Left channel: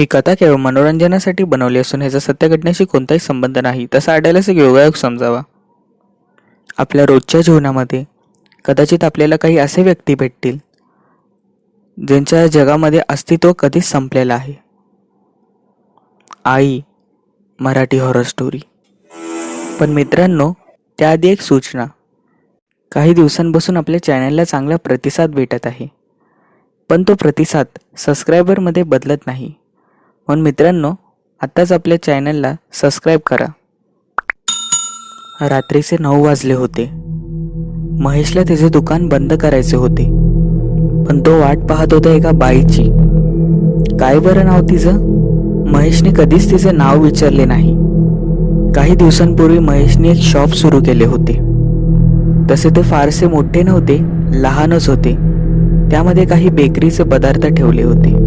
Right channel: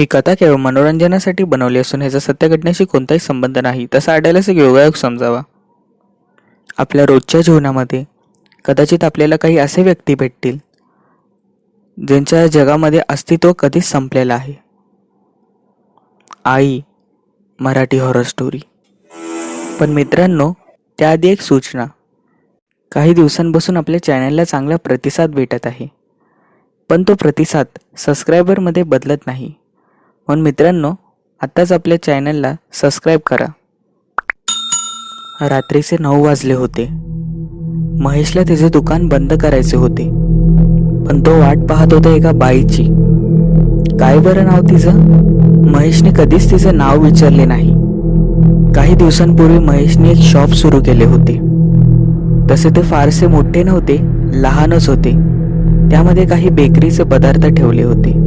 ही कथा केवळ मनोरंजनासाठी बनवली असून ह्याचा सत्य घटनेशी कोणताही संबंध नाही, तसा आढळल्यास एक योगायोग समजावा. आपल्या रोजच्या जीवनामध्ये कदाचित आपल्याला काही असे व्यक्ती भेटतील ज्यांच्या जगामध्ये अस्तित्व कधीच संपलेलं आहे. आई मराठी हॉरर स्टोरी. पण मित्रांनो, त्याआधी एक सूचना. काही दिवसांपासून आपल्या चॅनलला चांगला प्रतिसाद भेटत आहे, पण तो प्रतिसाद सबस्क्रायबरमध्ये बदलत नाही. म्हणून मित्रांनो, आत्ताच आपल्या चॅनलला सबस्क्राईब करा. रात्रीचे 9 वाजले होते. महेशला त्याचे दुकान बंद करायचे होते, पण तो वाट पाहत होता एका बाईची. काय बरं नाव तिचं? महेशने कधीच तिचे नाव विचारले नाही. काही दिवसांपूर्वी महेशने एक शॉप सुरू केले होते. तसे ते फारसे मोठे नव्हते, लहानच होते. त्यामध्ये काही बेकरीचे पदार्थ ठेवले होते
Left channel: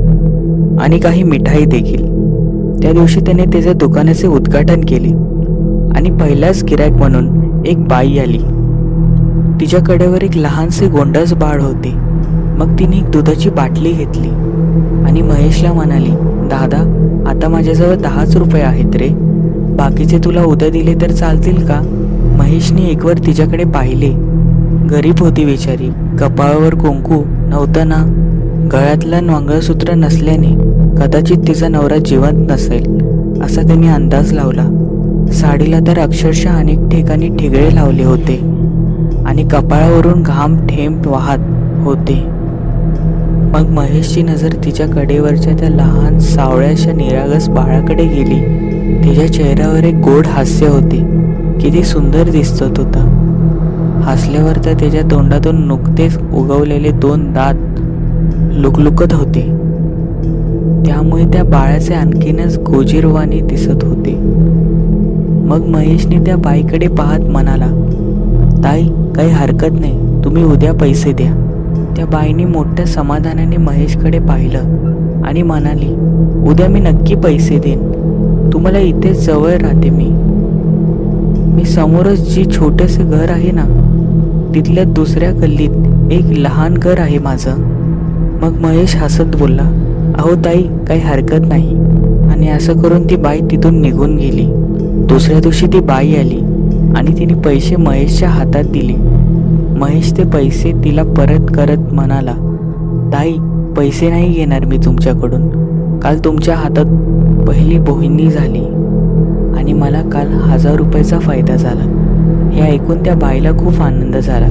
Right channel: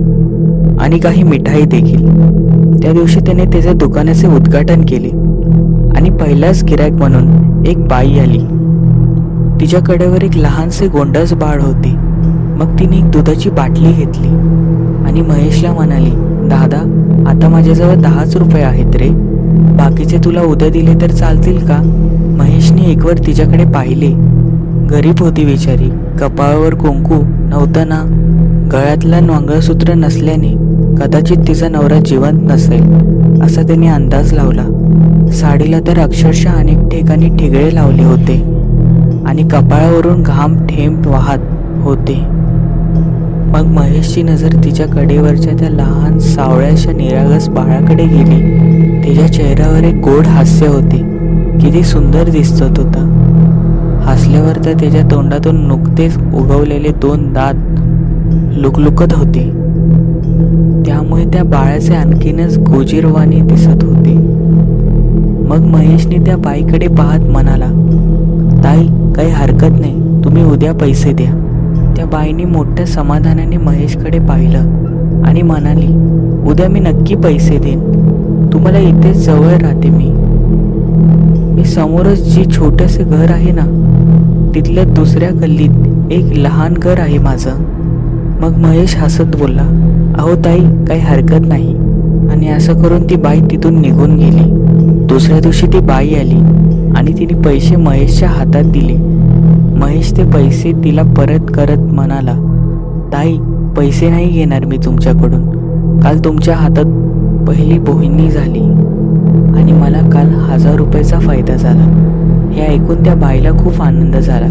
आणि काही मिठाई देखील. त्या दिवशी त्याने त्याच्या दुकानाचे उद्घाटन केले आणि पहिलाच गिरायक म्हणून एक बाई आली. तिच्या कडेवर एक लहानसे गोंडस बाळ होते. मग तिने एक दुधाची बाटली घेतली आणि महेशला म्हणाली, दादा, आता माझ्याजवळ 10च रुपये आहेत रे, बाकीचे तुला उद्या दिले तर चालतील का? महेशने एकवर तिच्याकडे पाहिले. गरीब होती बिचारी. कपाळावर कुंकू नव्हतं ना. गळ्यातलं मंगळसूत्र नसल्याने कदाचित तिचा नवरा जिवंत नसेल असा त्याने अंदाज लावला. साडीला तर अक्षरशः अनेक ठिकाणी ठिगळे लावले होते आणि कपाळावरून घाम थेंब वाहत होते. मग महेशची नजर तिच्या कडेवरच्या त्या लहान सावळ्याशा निरागस बाळाकडे गेली. तिच्या चेहऱ्यावर एक गोड हास्य होते. किती सुंदर दिसत होता. हसल्यावर तर त्याच्या तोंडातून नुकतेच उगवलेले 2 दात लुकलुकत होते. त्यामुळे त्या बाळाचे आणखीनच गोजीरवाणी दिसत होते. मग महेशने त्या बाईकडे पाहत म्हणाला, ताई, काही हरकत नाही, तुम्ही उद्या पैसे द्या. त्या बाईने मोठ्या समाधानाने महेशकडे पाहिलं आणि म्हणाली, उद्या मी नक्की पैसे देईन. तुम्हाला इथेच जवळ राहते मी समोरच जी छोटेसे घर आहे ना, तिथल्या दुसऱ्या गल्लीत एक लहान घर आहे माझं. मग महेश हसत बोलला, अहो ताई, काही हरकत नाही. आणि असं करून ती बाई तिथून निघून गेली. दुसऱ्या दिवशी ती बाई आली आणि तिने पैसे महेशच्या हातात दिले. महेश ते पैसे तिला परत करत म्हणाला, ताई, पैसे नाही घेणार मी तुमच्याकडून. काल तुमच्या हातात पहिली बोहिणी झाली आणि मला काल 1000 रुपयाचा फायदा झाला. हे ऐकून त्या बाईला खूप आनंद झाला,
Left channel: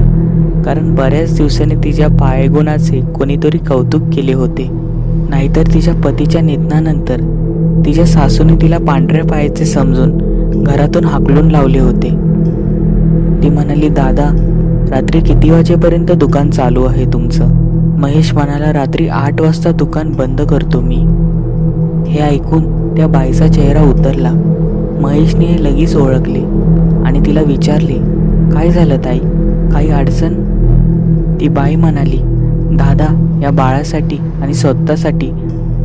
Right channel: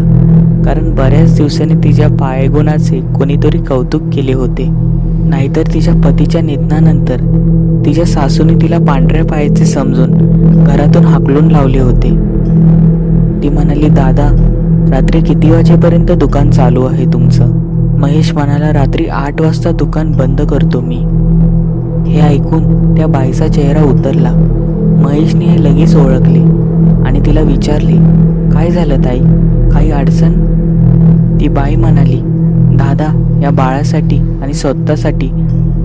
कारण बऱ्याच दिवसांनी तिच्या पायगुणाचे कोणीतरी कौतुक केले होते. नाहीतर तिच्या पतीच्या निधनानंतर तिच्या सासूने तिला पांढऱ्या पायाचे समजून घरातून हाकलून लावले होते. ती म्हणाली, दादा, रात्री किती वाजेपर्यंत दुकान चालू आहे तुमचं? महेश म्हणाला, रात्री 8 वाजता दुकान बंद करतो मी. हे ऐकून त्या बाईचा चेहरा उतरला. महेशने हे लगेच ओळखले आणि तिला विचारले, काय झालं ताई, काही अडचण? ती बाई म्हणाली, दादा, या बाळासाठी आणि स्वतःसाठी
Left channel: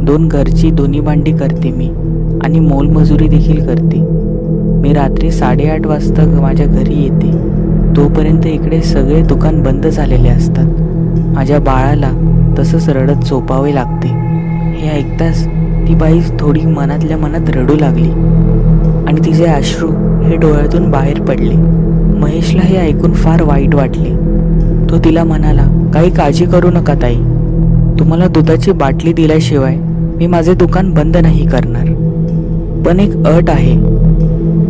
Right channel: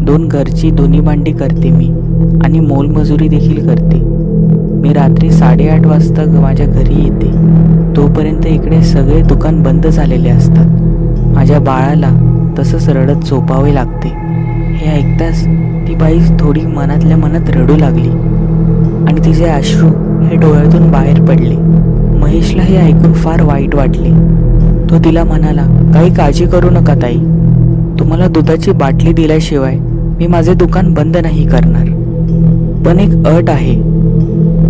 2 घरची दोन्ही भांडी करते मी आणि मोलमजुरी देखील करते. मी रात्री 8:30 वाजता माझ्या घरी येते. तोपर्यंत इकडे सगळे दुकान बंद झालेले असतात. माझ्या बाळाला तसंच रडत झोपावे लागते. हे ऐकताच ती बाई थोडी मनातल्या मनात रडू लागली आणि तिचे अश्रू हे डोळ्यातून बाहेर पडले. महेशला हे ऐकून फार वाईट वाटले. तो तिला म्हणाला, काही काळजी करू नका ताई, तुम्हाला दुधाची बाटली दिल्याशिवाय मी माझे दुकान बंद नाही करणार. पण एक अट आहे.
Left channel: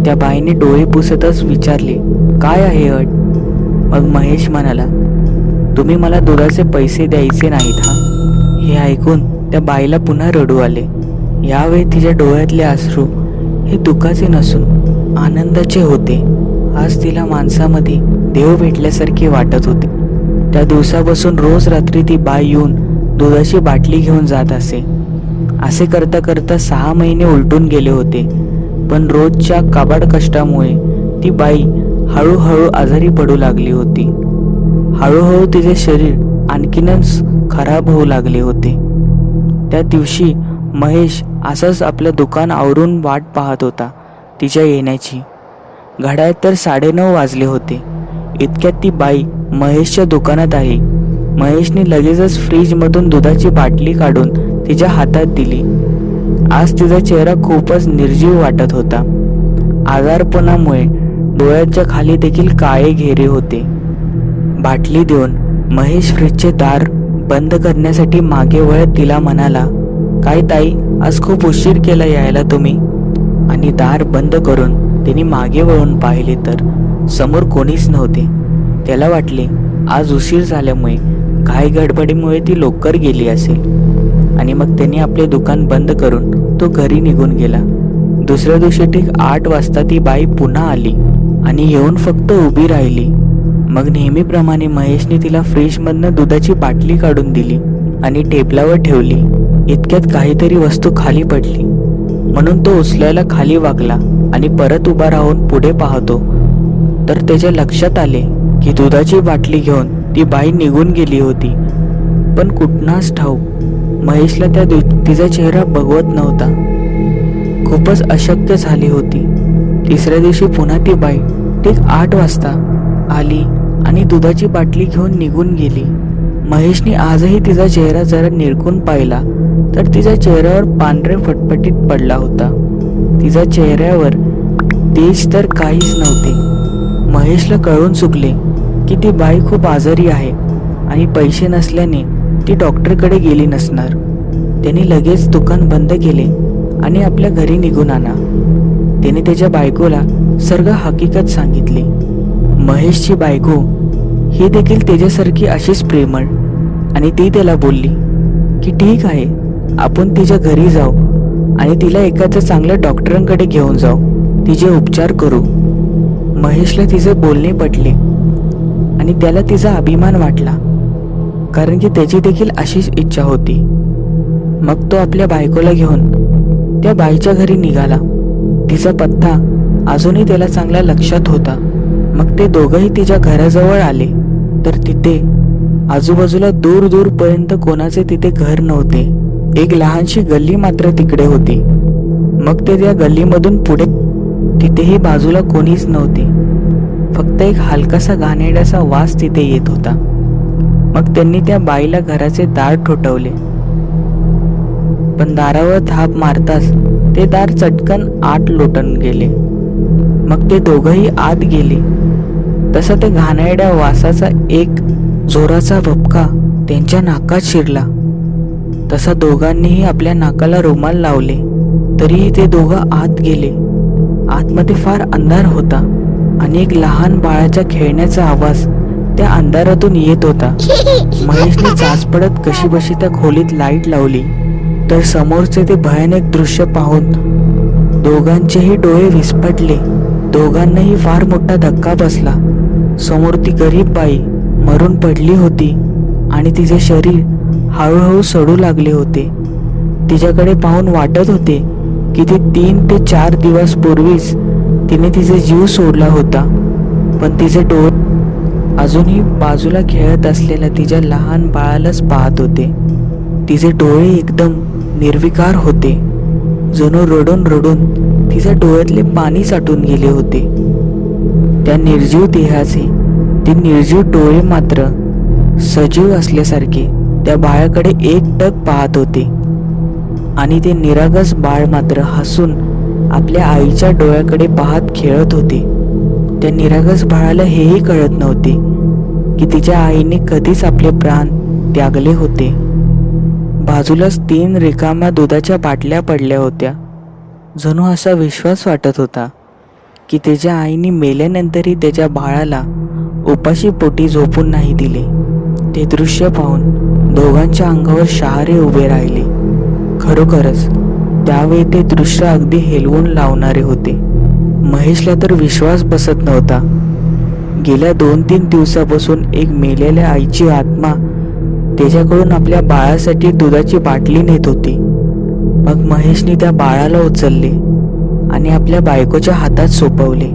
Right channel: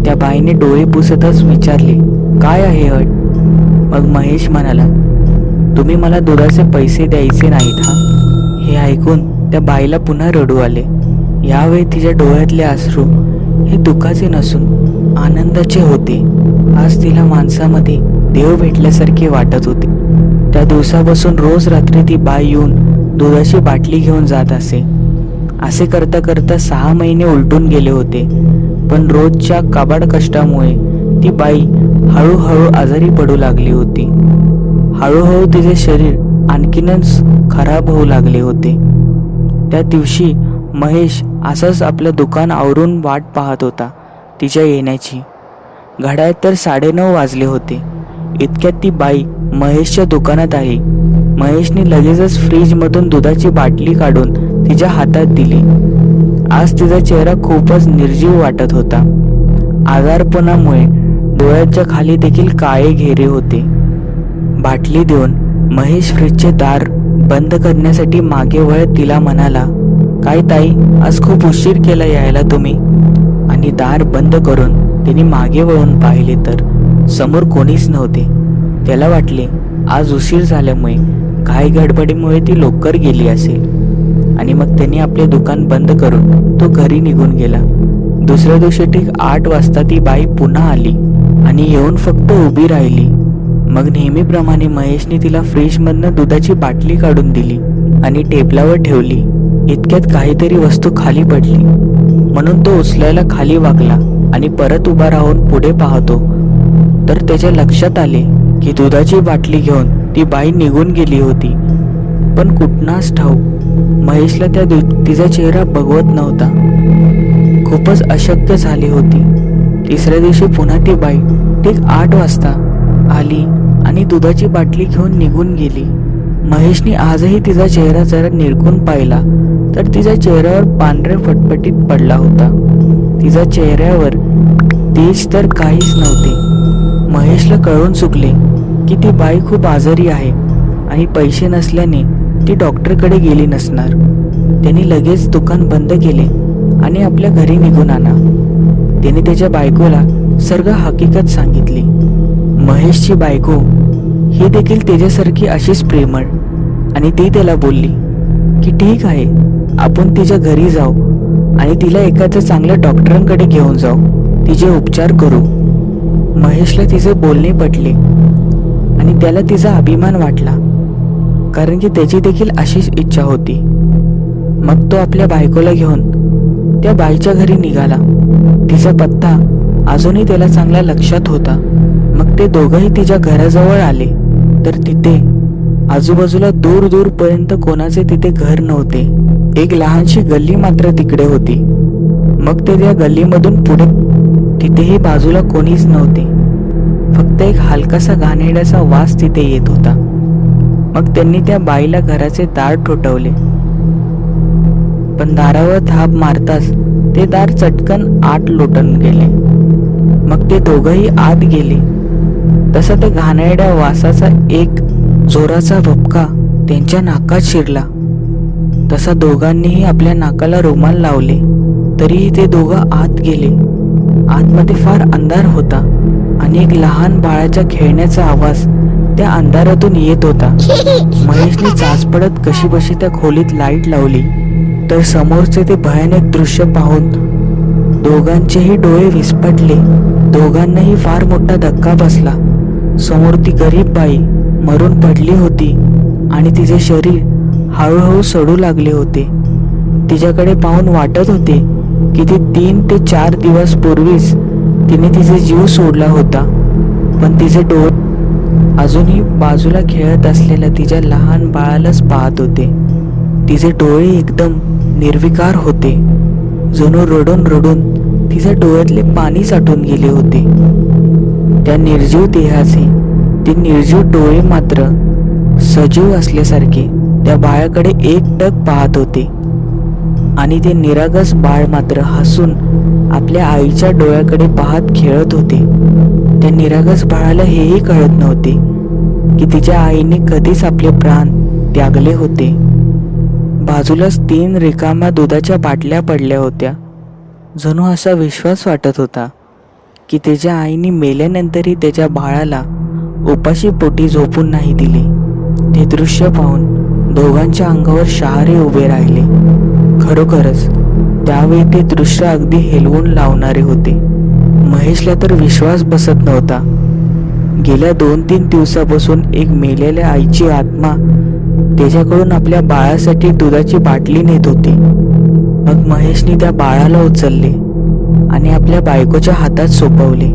त्या बाईने डोळे पुसतच विचारले, काय आहे अट? मग महेश म्हणाला, तुम्ही मला दुधाचे पैसे द्यायचे नाहीत हा. हे ऐकून त्या बाईला पुन्हा रडू आले. यावेळी तिच्या डोळ्यातले अश्रू हे दुःखाचे नसून आनंदाचे होते. आज तिला माणसामध्ये देव भेटल्यासारखे वाटत होते. त्या दिवसापासून रोज रात्री ती बाई येऊन दुधाची बाटली घेऊन जात असे. असे करता करता 6 महिने उलटून गेले होते. पण रोजच्या काबाड कष्टामुळे ती बाई हळूहळू आजारी पडू लागली होती. हळूहळू तिचे शरीर आणखीनच खराब होऊ लागले होते. त्या दिवशी महेश असंच आपलं दुकान आवरून वाट पाहत होता तिच्या येण्याची. घड्याळात तर 9:30 वाजले होते. इतक्यात ती बाई महेशच्या दुकानात आली. महेशने लगेचच फ्रीजमधून दुधाची बाटली काढून तिच्या हातात दिली आज तिचा चेहरा खूपच निर्जीव वाटत होता. आजारपणामुळे डोळ्याच्या खाली देखील काळे घेरे होते. बाटली देऊन महेश फ्रीजचे दार बंद करण्यासाठी मागे वळत तिला म्हणाला, "काय ताई, आज खूप उशीर केला यायला तुम्ही?" आणि दार बंद करून तिने मागे वळून पाहिले तर समोर कोणीच नव्हते. त्याला वाटले आज उशीर झाल्यामुळे घाई गडबडीमुळे ती लवकर गेली असेल आणि मग त्याने आपले दुकान बंद करून तो घरी निघून गेला. दुसऱ्या दिवशी ठीक 8 वाजता ती बाई पुन्हा आली आणि येऊन फक्त उभी राहिली. मग नेहमीप्रमाणे महेशने तिला फ्रीजमधनं दुधाची बाटली काढून दिली आणि टेबलावर ठेवली. इतक्यात काहीतरी वस्तू खाली पडली म्हणून तो उचलायला खाली वाकला आणि परत उभा राहून पुढे पाहतो तर त्याच्या लक्षात आले की दुधाची बाटली घेऊन ती बाई निघून गेली होती. पण कुठनाच ठाऊक महेशला तिचा चेहरा बघवत नव्हता. खूपच अशक्य झाली होती. तिसऱ्या दिवशी पुन्हा ती बाई ठीक 8 वाजता आली आणि दुधाची बाटली घेऊन निघून गेली. महेशने आजही तिचा चेहरा जरा निरखून पाहिला तर तिच्या चेहऱ्यावर पांढरे फटफटीत पडला होता. तिच्या चेहऱ्यावर तेज तर काहीच नव्हते. महेशला कळून चुकले की ती बाई खूप आजारी आहे आणि पैसे नसल्याने ती डॉक्टरकडे गेली नसणार. त्याने लगेच दुकान बंद केले आणि आपल्या घरी निघून आला. त्याने त्याच्या बायकोला सर्व हकीकत सांगितली. महेशची बायको ही देखील त्याच्यासारखी अशीच प्रेमळ आणि ती त्याला बोलली की ठीक आहे, आपण तिच्या घरी जाऊ आणि तिला एखाद्या चांगल्या डॉक्टरांकडे घेऊन जाऊ, तिचे उपचार करू. महेशला तिचे बोलणे पटले आणि त्याला तिचा अभिमान वाटला कारण की त्याची देखील अशीच इच्छा होती. मग तो आपल्या बायकोला घेऊन त्या बाईच्या घरी निघाला. तिचा पत्ता अजूनही त्याला चांगला लक्षात होता. मग ते दोघंही तिच्या घराजवळ आले तर तिथे आजूबाजूला दूर दूरपर्यंत कोणाचे तिथे घर नव्हते. एक लहानशी गल्ली मात्र तिकडे होती. मग ते त्या गल्लीमधून पुढे तिथेही बाजूला कोणीच नव्हते. फक्त एक हलकासा घाणेरड्याचा वास तिथे येत होता. मग त्यांनी त्या बाईला घराचे दार ठोठावले, पण दारावर थाप मारताच ते दार चटकन आत लोटून गेले. मग ते दोघंही आत गेले. तसा त्या घाणेरड्या वासाचा एक जोराचा भपका त्यांच्या नाकात शिरला. तसा दोघांनीही आपल्या नाकाला रुमाल लावले. तरीही ते दोघं आत गेले. आतमध्ये फार अंधार होता आणि एक लहान बाळाच्या खेळण्याचा आवाज त्या अंधारातून येत होता. महेशने चाच पडत कशीबशी त्या खोलीत लाईट लावली तर समोरचे ते भयानक दृश्य पाहून दोघांचेही डोळे विस्फारले. दोघांनाही फार मोठा धक्का बसला. समोर ती गरीब बाई मरून पडली होती आणि तिचे शरीर हळूहळू सडू लागले होते. तिच्याकडे पाहून वाटत होते की ती 3 ते 4 दिवस पूर्वीच तिने तिचा जीव सोडला होता. पण तिचे डोळे अजूनही बाजूला खेळत असलेल्या तिच्या लहान बाळालाच पाहत होते. तिचे डोळे एकदम निर्विकार होते. जणू रडून रडून तिच्या डोळ्यातले पाणी साठून गेले होते. त्या निर्जीव देहाचे ते निर्जीव डोळे मात्र सजीव असल्यासारखे त्या बाळाकडे एकटक पाहत होते आणि ते निरागस बाळ मात्र हसून आपल्या आईच्या डोळ्याकडे पाहत खेळत होते. त्या निरागस बाळाला हेही कळत नव्हते की तिच्या आईने कधीच आपले प्राण त्यागले होते. बाजूलाच 3 रिकाम्या दुधाच्या बाटल्या पडल्या होत्या. जणू असा विश्वास वाटत होता की त्याच्या आईने मेल्यानंतरही त्याच्या बाळाला उपाशी पोटी झोपून नाही दिले. ते दृश्य पाहून दोघांच्या अंगावर शहारे उभे राहिले. खरोखरच त्यावेळी ते दृश्य अगदी हेलवून लावणारे होते. महेशला तर विश्वास बसत नव्हता. गेल्या 2-3 दिवसापासून एक मेलेल्या आईची आत्मा त्याच्याकडून आपल्या बाळासाठी दुधाची बाटली नेत होती. मग महेशने त्या बाळाला उचलले आणि आपल्या बायकोच्या हातात सोपवले.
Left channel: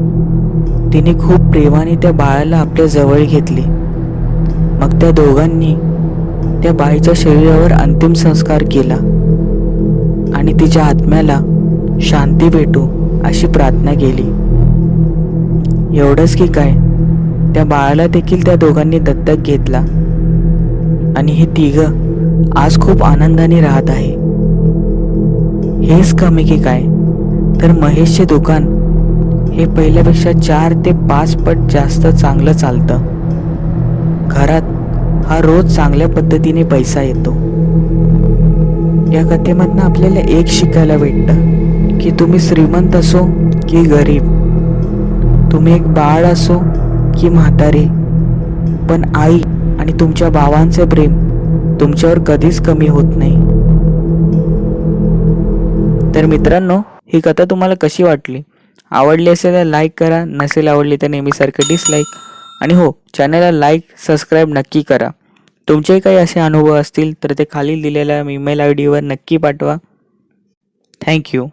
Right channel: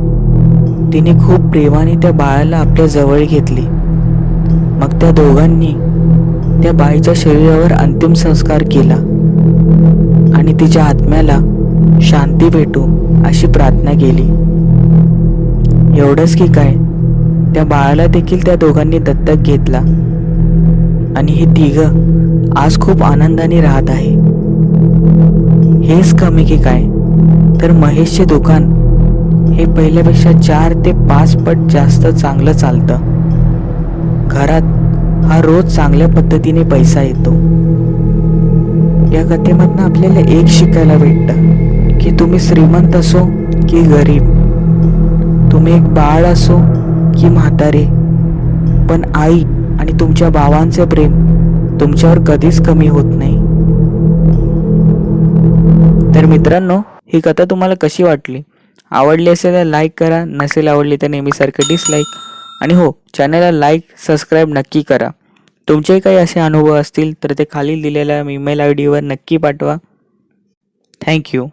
तिने खूप प्रेमाने त्या बाळाला आपल्या जवळ घेतले. मग त्या दोघांनी त्या बाईच्या शरीरावर अंतिम संस्कार केला आणि तिच्या आत्म्याला शांती भेटो अशी प्रार्थना केली. एवढंच की काय, त्या बाळाला देखील त्या दोघांनी दत्तक घेतला आणि हे तिघं आज खूप आनंदाने राहत आहे. हेच कमी की काय, तर महेशचे दुकान हे पहिल्यापेक्षा 4 ते 5 पट जास्त चांगलं चालतं. घरात हा रोज चांगल्या पद्धतीने पैसा येतो. या कथेमधनं आपल्याला एक शिकायला भेटतं की तुम्ही श्रीमंत असो की गरीब, तुम्ही एक बाळ असो की म्हातारे, पण आई आणि तुमच्या भावांचे प्रेम तुमच्यावर कधीच कमी होत नाही. तर मित्रांनो, ही कथा तुम्हाला कशी वाटली? आवडली असेल तर लाईक करा, नसेल आवडली तर नेहमीसारखं डिसलाईक. आणि हो, चॅनलला लाईक सबस्क्राईब नक्की करा. तुमचे काही असे अनुभव असतील तर ते खाली दिलेल्या ईमेल आय डीवर नक्की पाठवा. थँक्यू.